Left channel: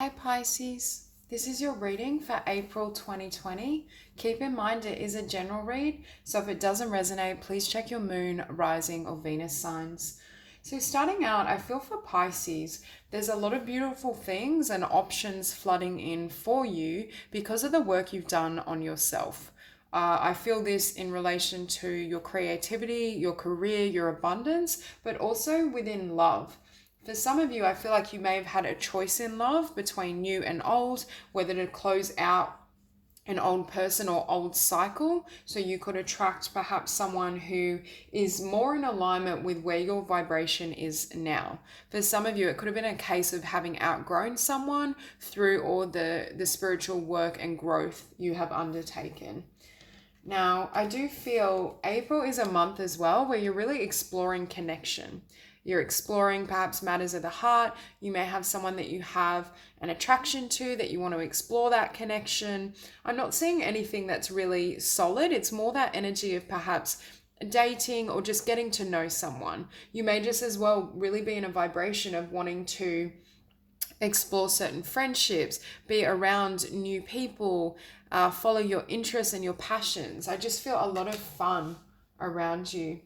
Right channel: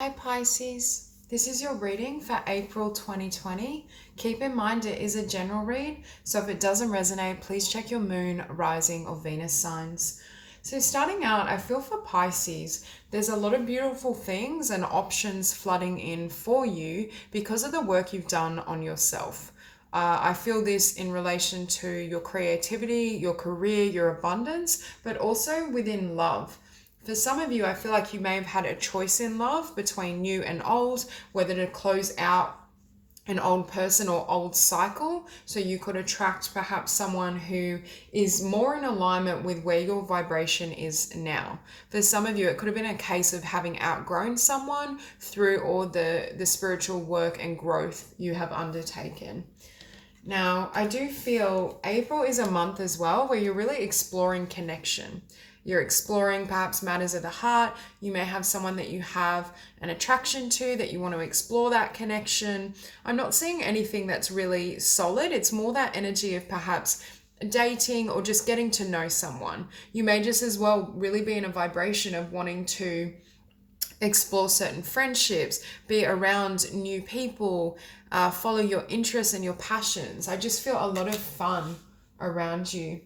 Hi Pisces, this is your reading for April 2020. Keep in mind it is a general read, so if it doesn't resonate, please check your moon, rising, or Venus signs. So, starting out, I feel for Pisces, there's a lot of beautiful things and options flooding in for you because of the work you've done on yourself. I feel this in relation to your creativity, your career, your abundance, but also within love. For some of you, I feel like you may have had a choice in love between new and old, whether to close out an old person or old cycle. So you could attract perhaps someone who is more in alignment with where your vibration is now. For some of you, it could have been a case of having outgrown someone through all the spiritual work and growth you have undertaken. Now, I do feel April is a month as well where you're really exploring connection. You're exploring perhaps matters of the heart. You may have someone that you have an attraction to that you want to explore that connection. I'm not seeing anything that's really solid. It's more that energy of perhaps dating or just getting to know someone. You may just as well really be in a vibration of wanting to explore certain friendships, be around new people, follow your interests and your passions. I just feel a lot of fun around you.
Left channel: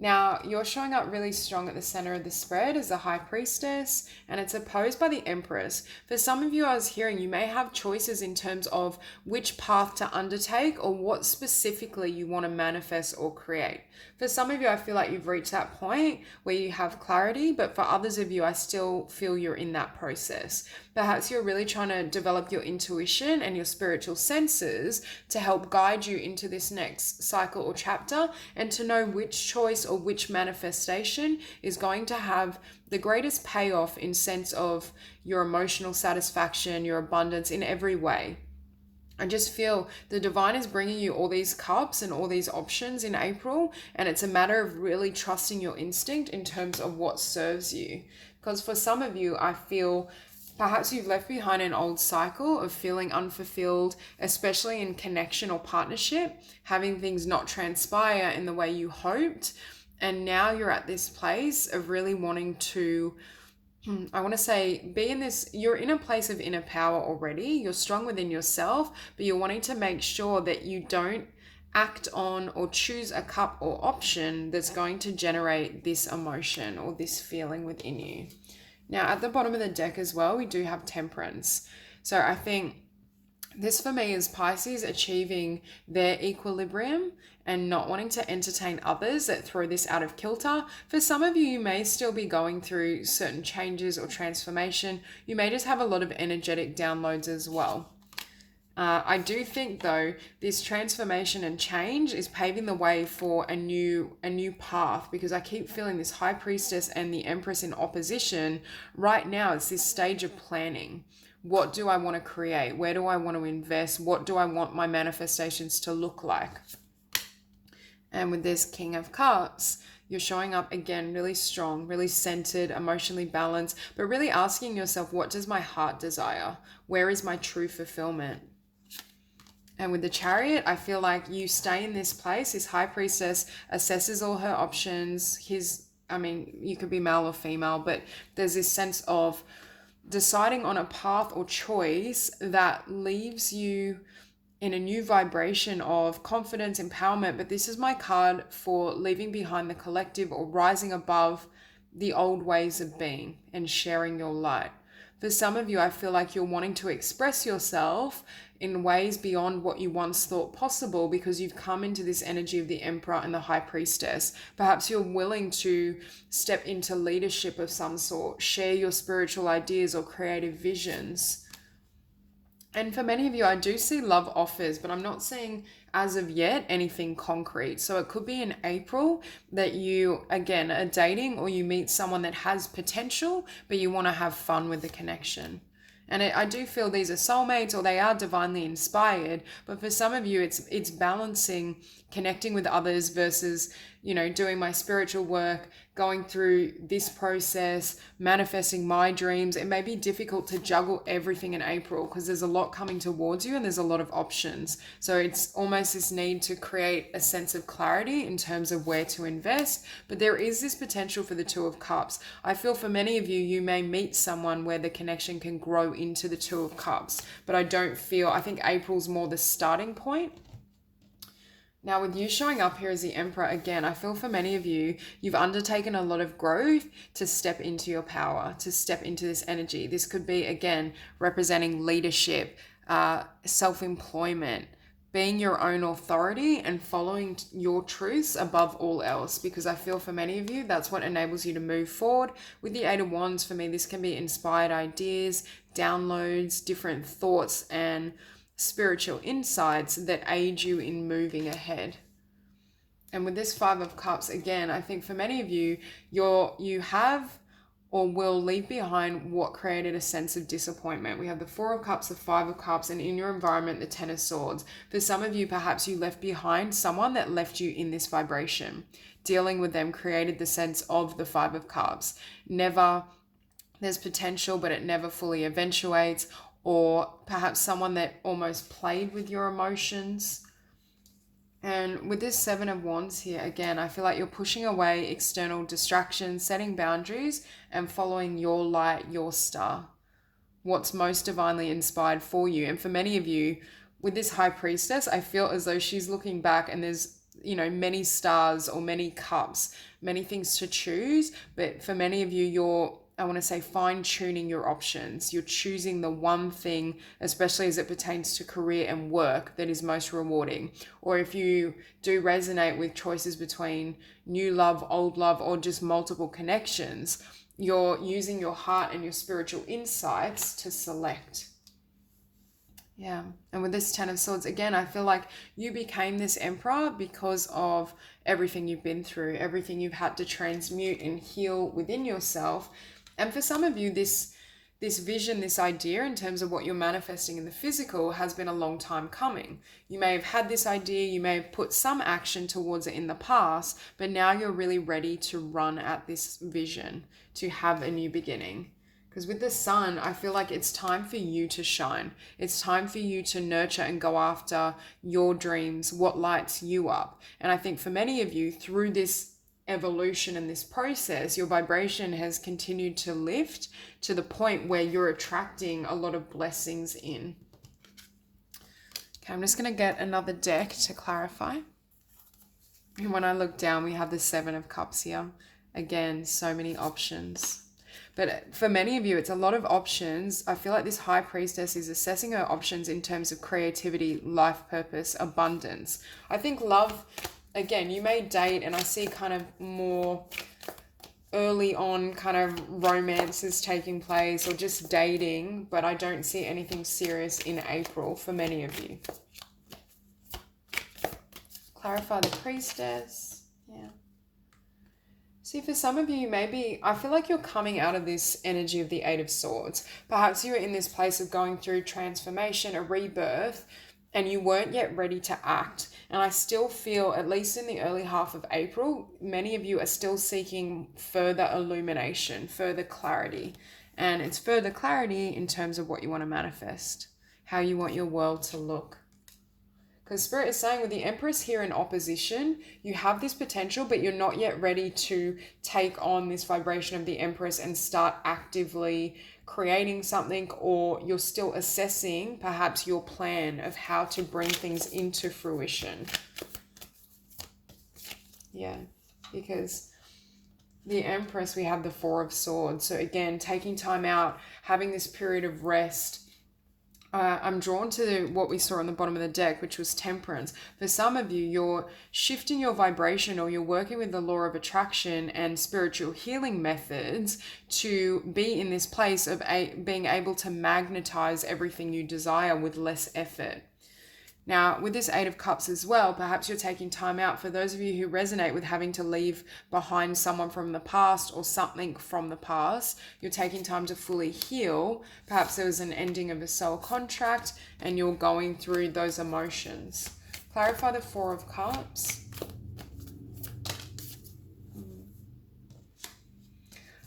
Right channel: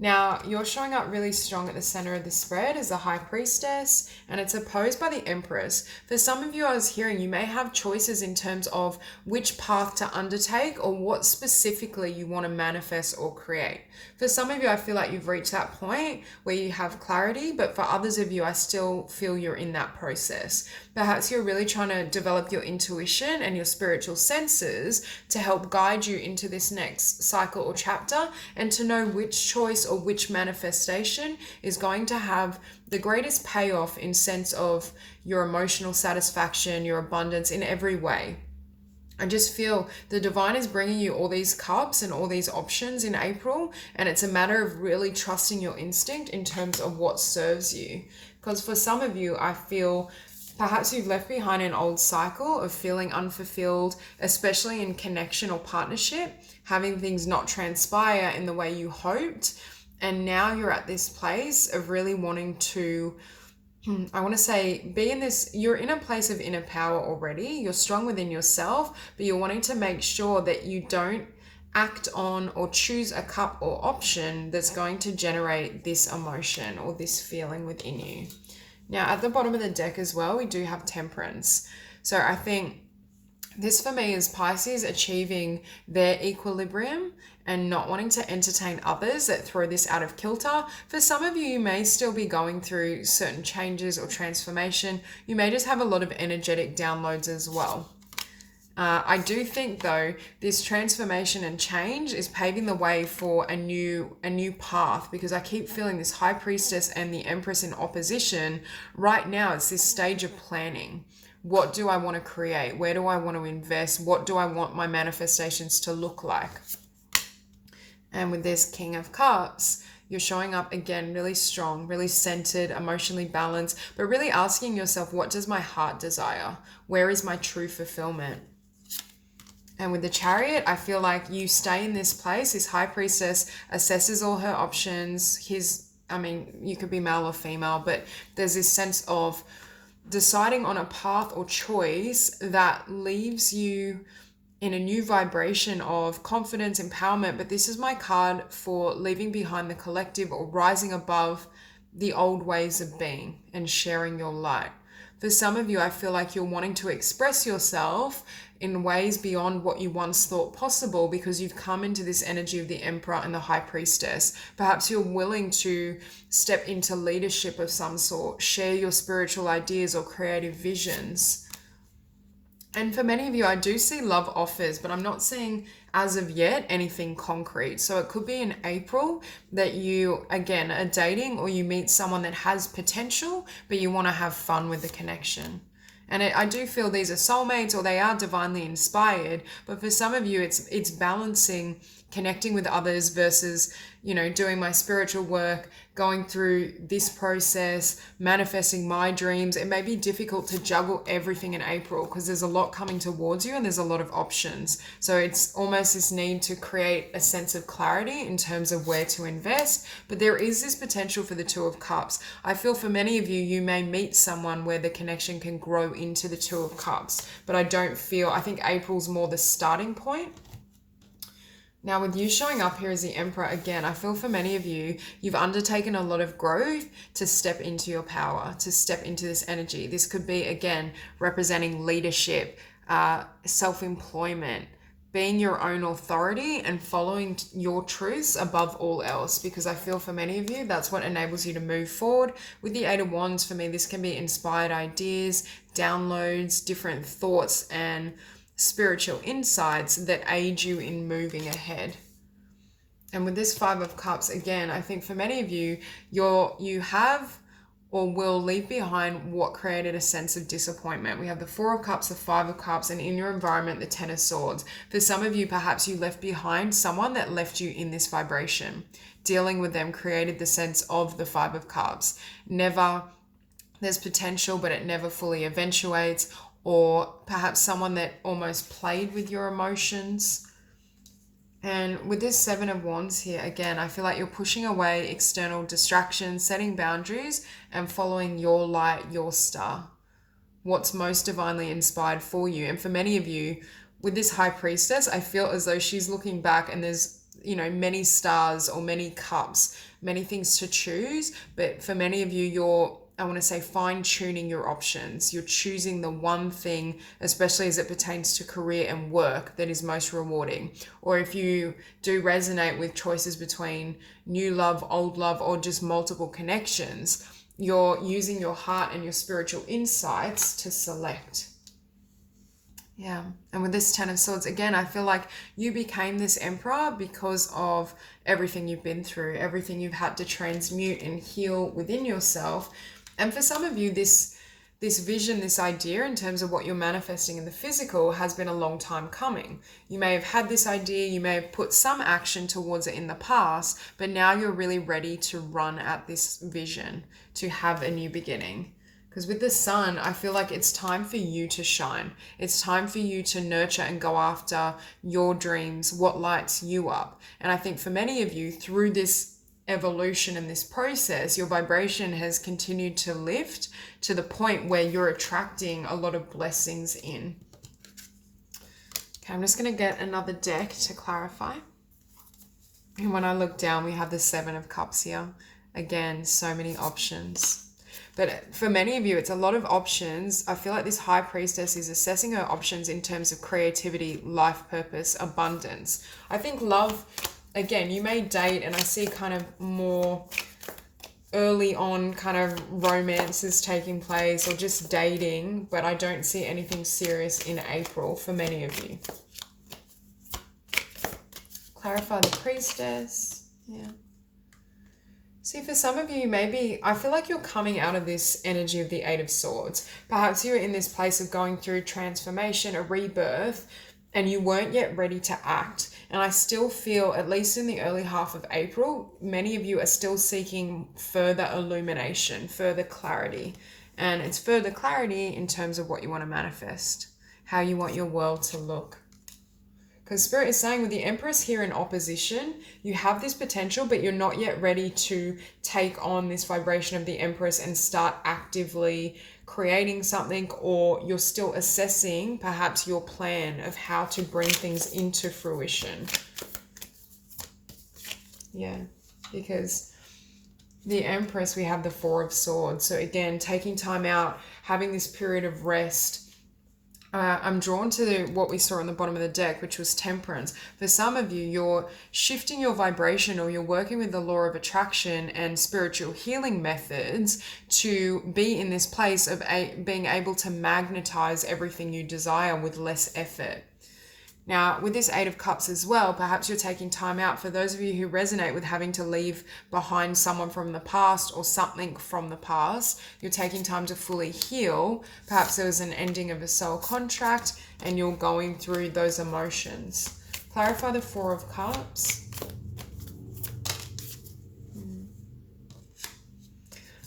Now, you're showing up really strong at the center of the spread as the High Priestess, and it's opposed by the Empress. For some of you, I was hearing you may have choices in terms of which path to undertake or what specifically you want to manifest or create. For some of you, I feel like you've reached that point where you have clarity, but for others of you, I still feel you're in that process. Perhaps you're really trying to develop your intuition and your spiritual senses to help guide you into this next cycle or chapter and to know which choice or which manifestation is going to have the greatest payoff in sense of your emotional satisfaction, your abundance in every way. I just feel the divine is bringing you all these cups and all these options in April, and it's a matter of really trusting your instinct in terms of what serves you. Because for some of you, I feel perhaps you've left behind an old cycle of feeling unfulfilled, especially in connection or partnership, having things not transpire in the way you hoped. And now you're at this place of really wanting to, I want to say, be in this, you're in a place of inner power already. You're strong within yourself, but you're wanting to make sure that you don't act on or choose a cup or option that's going to generate this emotion or this feeling within you. Now, at the bottom of the deck as well, we do have Temperance. So I think this for me is Pisces achieving their equilibrium and not wanting to entertain others that throw this out of kilter. For some of you, you may still be going through certain changes or transformation. You may just have a lot of energetic downloads as well. I do think though this transformation and change is paving the way for a new path, because I keep feeling this High Priestess and the Empress in opposition. Right now it's this stage of planning. What do I want to create? Where do I want to invest? What do I want my manifestations to look like? And with this King of Cups, you're showing up again really strong, really centered, emotionally balanced, but really asking yourself, what does my heart desire? Where is my true fulfillment? And with the Chariot, I feel like you stay in this place. This High Priestess assesses all her options. You could be male or female, but there's this sense of deciding on a path or choice that leaves you in a new vibration of confidence, empowerment. But this is my card for leaving behind the collective or rising above the old ways of being and sharing your light. For some of you, I feel like you're wanting to express yourself in ways beyond what you once thought possible because you've come into this energy of the Emperor and the High Priestess. Perhaps you're willing to step into leadership of some sort, share your spiritual ideas or creative visions. And for many of you, I do see love offers, but I'm not seeing as of yet anything concrete. So it could be in April that you, again, are dating or you meet someone that has potential, but you want to have fun with the connection. And I do feel these are soulmates or they are divinely inspired. But for some of you, it's balancing connecting with others versus, doing my spiritual work, going through this process, manifesting my dreams. It may be difficult to juggle everything in April because there's a lot coming towards you and there's a lot of options. So it's almost this need to create a sense of clarity in terms of where to invest. But there is this potential for the Two of Cups. I feel for many of you, you may meet someone where the connection can grow into the Two of Cups. But I think April's more the starting point. Now, with you showing up here as the Emperor, again, I feel for many of you, you've undertaken a lot of growth to step into your power, to step into this energy. This could be, again, representing leadership, self-employment, being your own authority and following your truths above all else. Because I feel for many of you, that's what enables you to move forward. With the Eight of Wands, for me, this can be inspired ideas, downloads, different thoughts, and spiritual insights that aid you in moving ahead. And with this Five of Cups, again, I think for many of you, you have or will leave behind what created a sense of disappointment. We have the Four of Cups, the Five of Cups, and in your environment, the Ten of Swords. For some of you, perhaps you left behind someone that left you in this vibration. Dealing with them created the sense of the Five of Cups. There's potential, but it never fully eventuates. Or perhaps someone that almost played with your emotions. And with this Seven of Wands here, again, I feel like you're pushing away external distractions, setting boundaries, and following your light, your star. What's most divinely inspired for you. And for many of you, with this High Priestess, I feel as though she's looking back and there's, many stars or many cups, many things to choose. But for many of you, I want to say fine-tuning your options. You're choosing the one thing, especially as it pertains to career and work, that is most rewarding. Or if you do resonate with choices between new love, old love, or just multiple connections, you're using your heart and your spiritual insights to select. Yeah. And with this Ten of Swords, again, I feel like you became this Emperor because of everything you've been through, everything you've had to transmute and heal within yourself. And for some of you, this vision, this idea in terms of what you're manifesting in the physical has been a long time coming. You may have had this idea, you may have put some action towards it in the past, but now you're really ready to run at this vision, to have a new beginning. Because with the Sun, I feel like it's time for you to shine. It's time for you to nurture and go after your dreams, what lights you up. And I think for many of you, through this evolution and this process, your vibration has continued to lift to the point where you're attracting a lot of blessings in. Okay, I'm just going to get another deck to clarify. And when I look down, we have the Seven of Cups here. Again, so many options. But for many of you, it's a lot of options. I feel like this High Priestess is assessing her options in terms of creativity, life purpose, abundance. I think love, again, you may date, and I see kind of more early on kind of romances taking place or just dating, but I don't see anything serious in April for many of you. Clarify the Priestess. Yeah. See, for some of you, maybe, I feel like you're coming out of this energy of the Eight of Swords. Perhaps you're in this place of going through transformation, a rebirth, and you weren't yet ready to act. And I still feel, at least in the early half of April, many of you are still seeking further illumination, further clarity. And it's further clarity in terms of what you want to manifest, how you want your world to look. Because Spirit is saying with the Empress here in opposition, you have this potential, but you're not yet ready to take on this vibration of the Empress and start actively creating something, or you're still assessing perhaps your plan of how to bring things into fruition. Yeah, because the Empress, we have the Four of Swords. So again, taking time out, having this period of rest. I'm drawn to what we saw on the bottom of the deck, which was temperance. For some of you, you're shifting your vibration, or you're working with the law of attraction and spiritual healing methods to be in this place of being able to magnetize everything you desire with less effort. Now, with this Eight of Cups as well, perhaps you're taking time out. For those of you who resonate with having to leave behind someone from the past or something from the past, you're taking time to fully heal. Perhaps there was an ending of a soul contract and you're going through those emotions. Clarify the Four of Cups.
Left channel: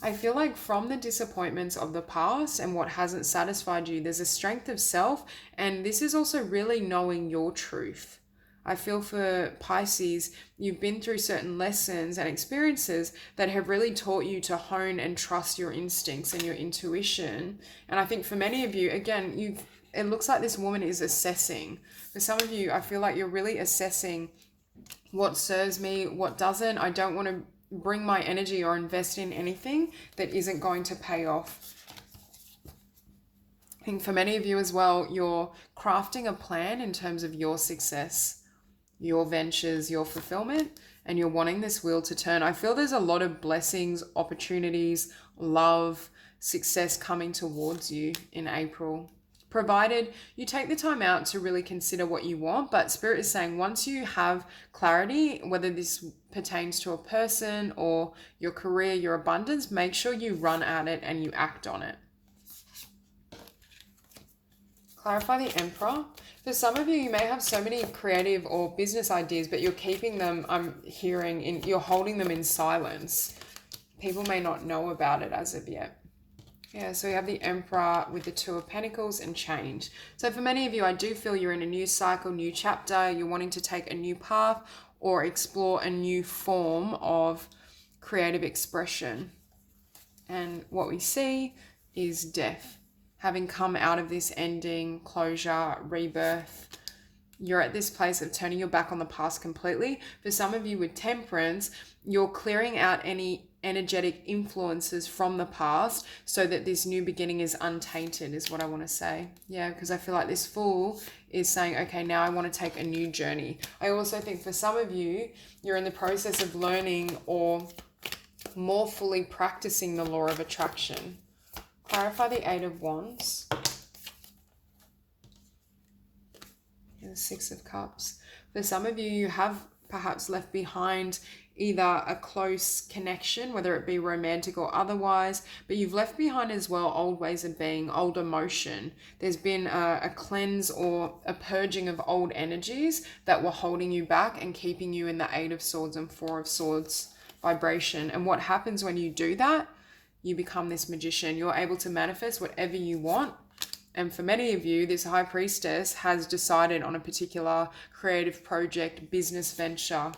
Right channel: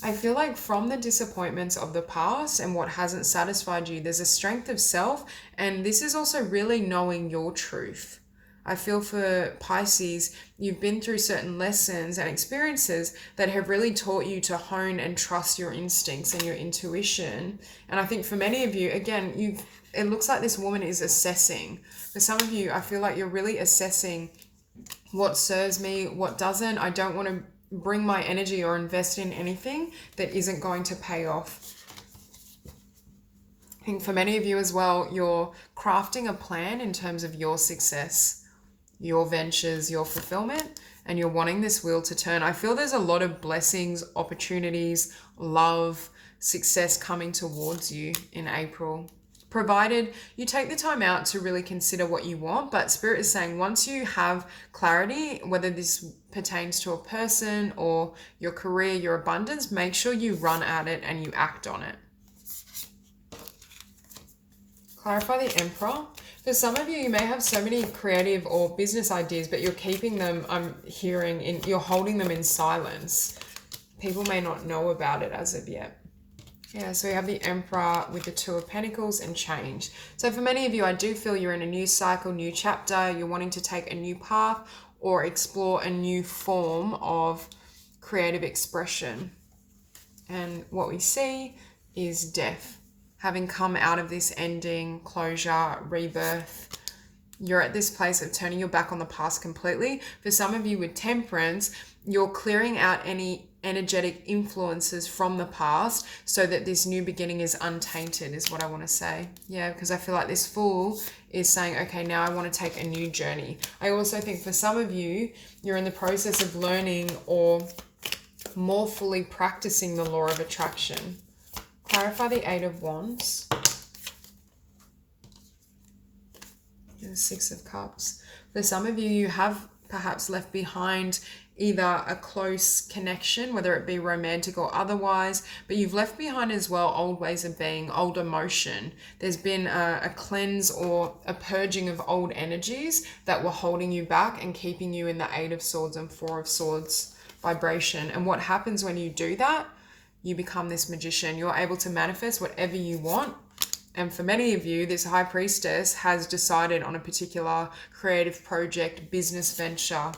I feel like from the disappointments of the past and what hasn't satisfied you, there's a strength of self, and this is also really knowing your truth. I feel for Pisces, you've been through certain lessons and experiences that have really taught you to hone and trust your instincts and your intuition. And I think for many of you, again, it looks like this woman is assessing. For some of you, I feel like you're really assessing what serves me, what doesn't. I don't want to bring my energy or invest in anything that isn't going to pay off. I think for many of you as well, you're crafting a plan in terms of your success, your ventures, your fulfillment, and you're wanting this wheel to turn. I feel there's a lot of blessings, opportunities, love, success coming towards you in April, provided you take the time out to really consider what you want. But Spirit is saying once you have clarity, whether this pertains to a person or your career, your abundance, make sure you run at it and you act on it. Clarify the Emperor. For some of you, you may have so many creative or business ideas, but you're keeping them, you're holding them in silence. People may not know about it as of yet. Yeah, so we have the Emperor with the Two of Pentacles and change. So for many of you, I do feel you're in a new cycle, new chapter. You're wanting to take a new path or explore a new form of creative expression. And what we see is death. Having come out of this ending, closure, rebirth, you're at this place of turning your back on the past completely. For some of you with Temperance, you're clearing out any energetic influences from the past so that this new beginning is untainted, is what I want to say. Yeah, because I feel like this Fool is saying, okay, now I want to take a new journey. I also think for some of you, you're in the process of learning or more fully practicing the law of attraction. Clarify the Eight of Wands. And the Six of Cups. For some of you, you have perhaps left behind either a close connection, whether it be romantic or otherwise, but you've left behind as well old ways of being, old emotion. There's been a cleanse or a purging of old energies that were holding you back and keeping you in the Eight of Swords and Four of Swords vibration. And what happens when you do that? You become this magician. You're able to manifest whatever you want. And for many of you, this High Priestess has decided on a particular creative project, business venture.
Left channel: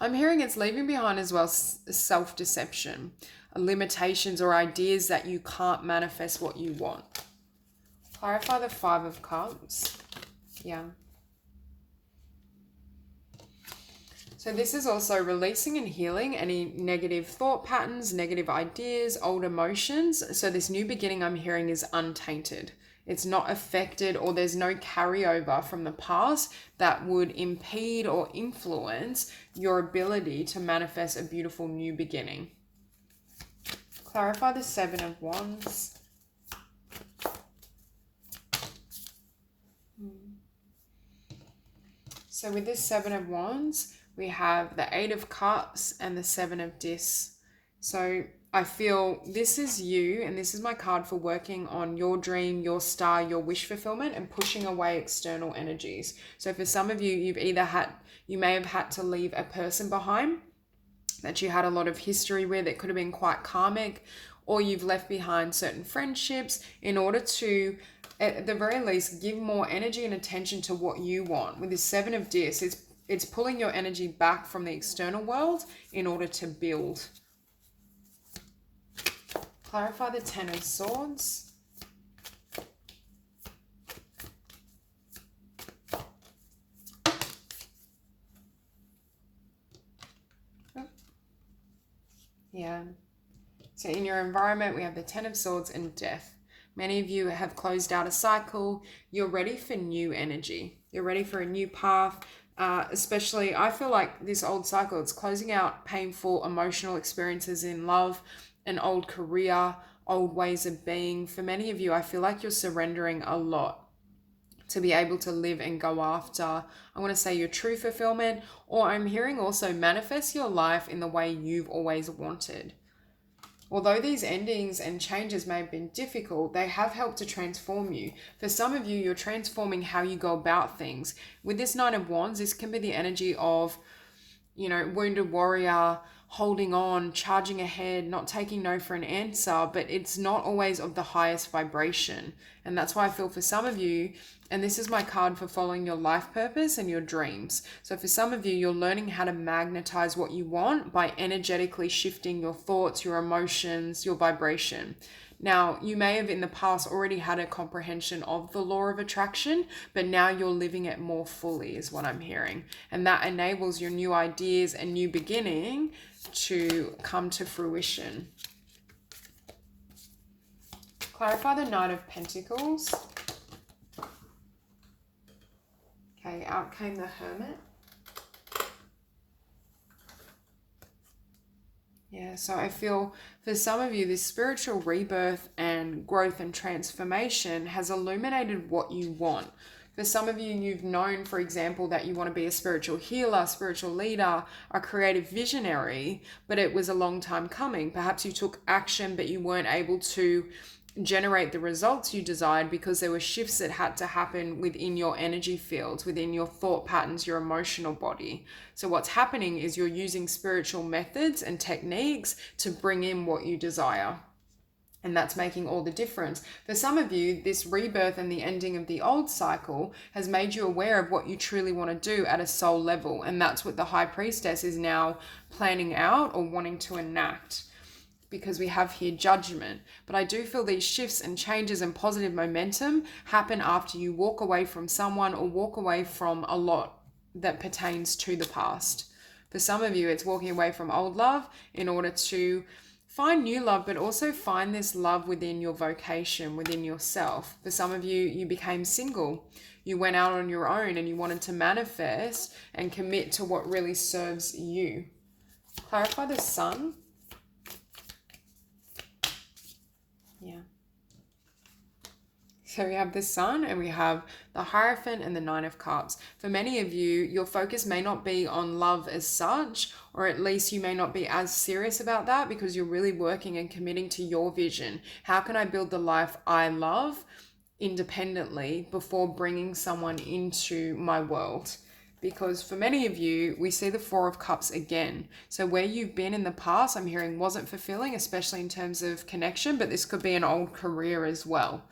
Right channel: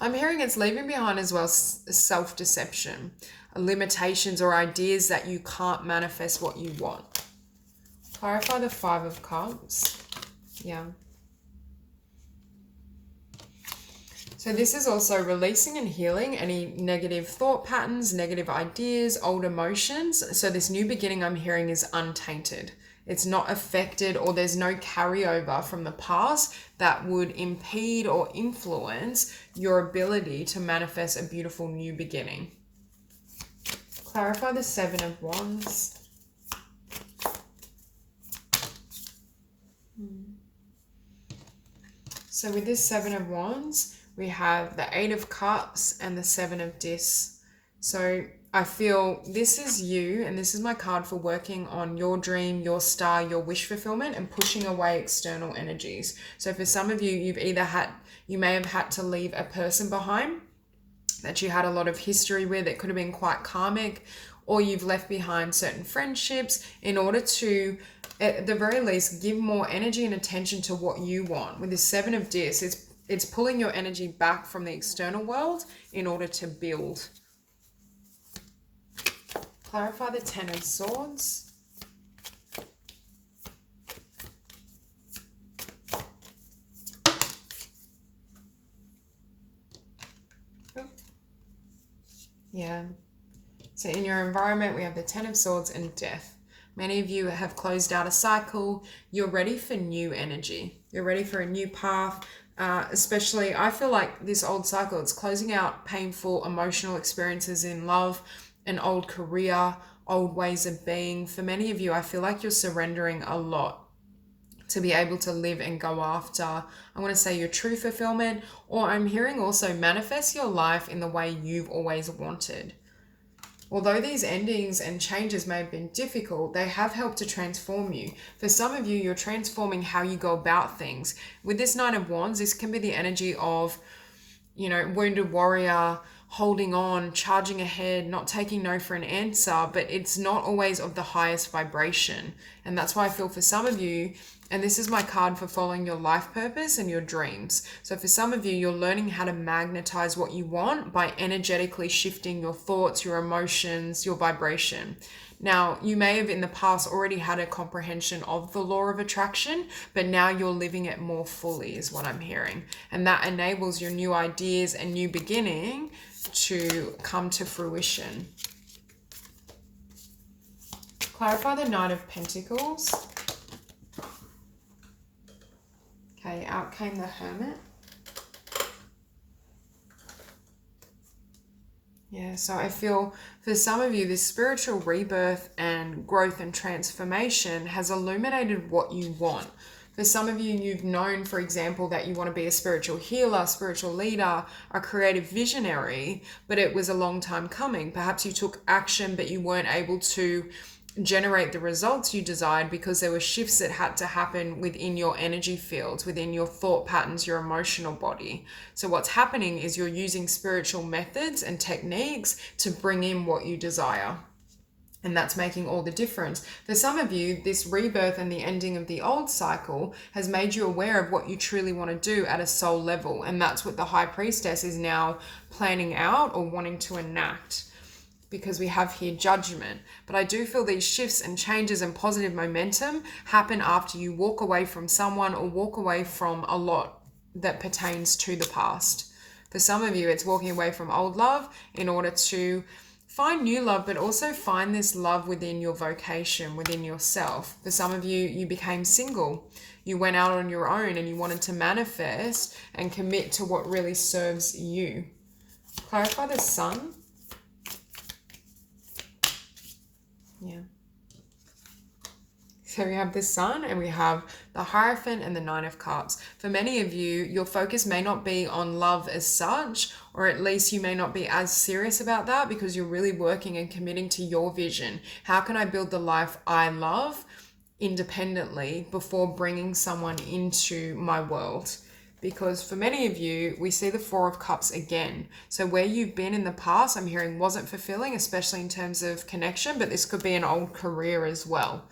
I'm hearing it's leaving behind as well self-deception, limitations or ideas that you can't manifest what you want. Clarify the Five of Cups. Yeah. So this is also releasing and healing any negative thought patterns, negative ideas, old emotions. So this new beginning I'm hearing is untainted. It's not affected, or there's no carryover from the past that would impede or influence your ability to manifest a beautiful new beginning. Clarify the Seven of Wands. So with this Seven of Wands, we have the Eight of Cups and the Seven of Discs. So I feel this is you, and this is my card for working on your dream, your star, your wish fulfillment, and pushing away external energies. So for some of you, you may have had to leave a person behind that you had a lot of history with. It could have been quite karmic, or you've left behind certain friendships in order to, at the very least, give more energy and attention to what you want. With this Seven of Discs, it's pulling your energy back from the external world in order to build. Clarify the Ten of Swords. Yeah. So in your environment, we have the Ten of Swords and Death. Many of you have closed out a cycle. You're ready for new energy. You're ready for a new path. Especially, I feel like this old cycle, it's closing out painful emotional experiences in love, an old career, old ways of being. For many of you, I feel like you're surrendering a lot to be able to live and go after, I want to say, your true fulfillment, or I'm hearing also manifest your life in the way you've always wanted. Although these endings and changes may have been difficult, they have helped to transform you. For some of you, you're transforming how you go about things. With this Nine of Wands, this can be the energy of, wounded warrior, holding on, charging ahead, not taking no for an answer, but it's not always of the highest vibration. And that's why I feel for some of you, and this is my card for following your life purpose and your dreams. So for some of you, you're learning how to magnetize what you want by energetically shifting your thoughts, your emotions, your vibration. Now, you may have in the past already had a comprehension of the law of attraction, but now you're living it more fully is what I'm hearing. And that enables your new ideas and new beginning to come to fruition. Clarify the Knight of Pentacles. Okay, out came the Hermit. Yeah, so I feel for some of you, this spiritual rebirth and growth and transformation has illuminated what you want. For some of you, you've known, for example, that you want to be a spiritual healer, spiritual leader, a creative visionary, but it was a long time coming. Perhaps you took action, but you weren't able to generate the results you desired because there were shifts that had to happen within your energy fields, within your thought patterns, your emotional body. So what's happening is you're using spiritual methods and techniques to bring in what you desire. And that's making all the difference. For some of you, this rebirth and the ending of the old cycle has made you aware of what you truly want to do at a soul level. And that's what the High Priestess is now planning out or wanting to enact, because we have here judgment. But I do feel these shifts and changes and positive momentum happen after you walk away from someone or walk away from a lot that pertains to the past. For some of you, it's walking away from old love in order to find new love, but also find this love within your vocation, within yourself. For some of you, you became single. You went out on your own and you wanted to manifest and commit to what really serves you. Clarify the Sun. Yeah. So we have the Sun and we have the Hierophant and the Nine of Cups. For many of you, your focus may not be on love as such, or at least you may not be as serious about that because you're really working and committing to your vision. How can I build the life I love independently before bringing someone into my world? Because for many of you, we see the Four of Cups again. So where you've been in the past, I'm hearing wasn't fulfilling, especially in terms of connection, but this could be an old career as well.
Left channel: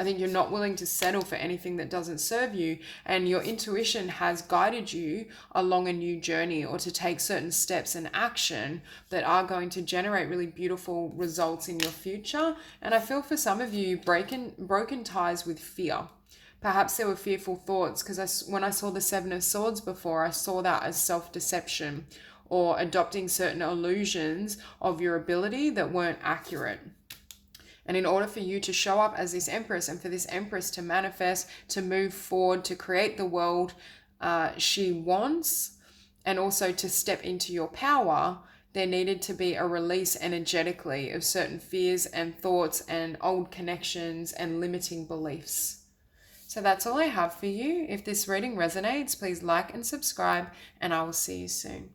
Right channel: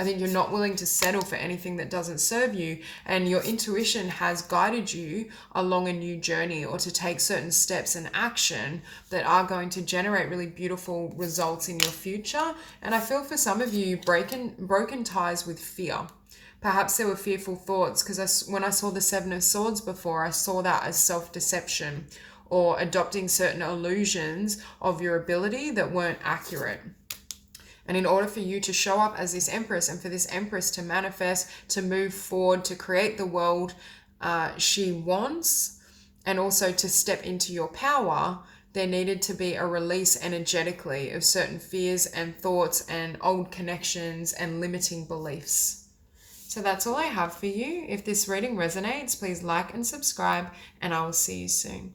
I think you're not willing to settle for anything that doesn't serve you, and your intuition has guided you along a new journey or to take certain steps and action that are going to generate really beautiful results in your future. And I feel for some of you, broken ties with fear. Perhaps there were fearful thoughts, because when I saw the Seven of Swords before, I saw that as self-deception or adopting certain illusions of your ability that weren't accurate. And in order for you to show up as this Empress and for this Empress to manifest, to move forward, to create the world she wants, and also to step into your power, there needed to be a release energetically of certain fears and thoughts and old connections and limiting beliefs. So that's all I have for you. If this reading resonates, please like and subscribe, and I will see you soon.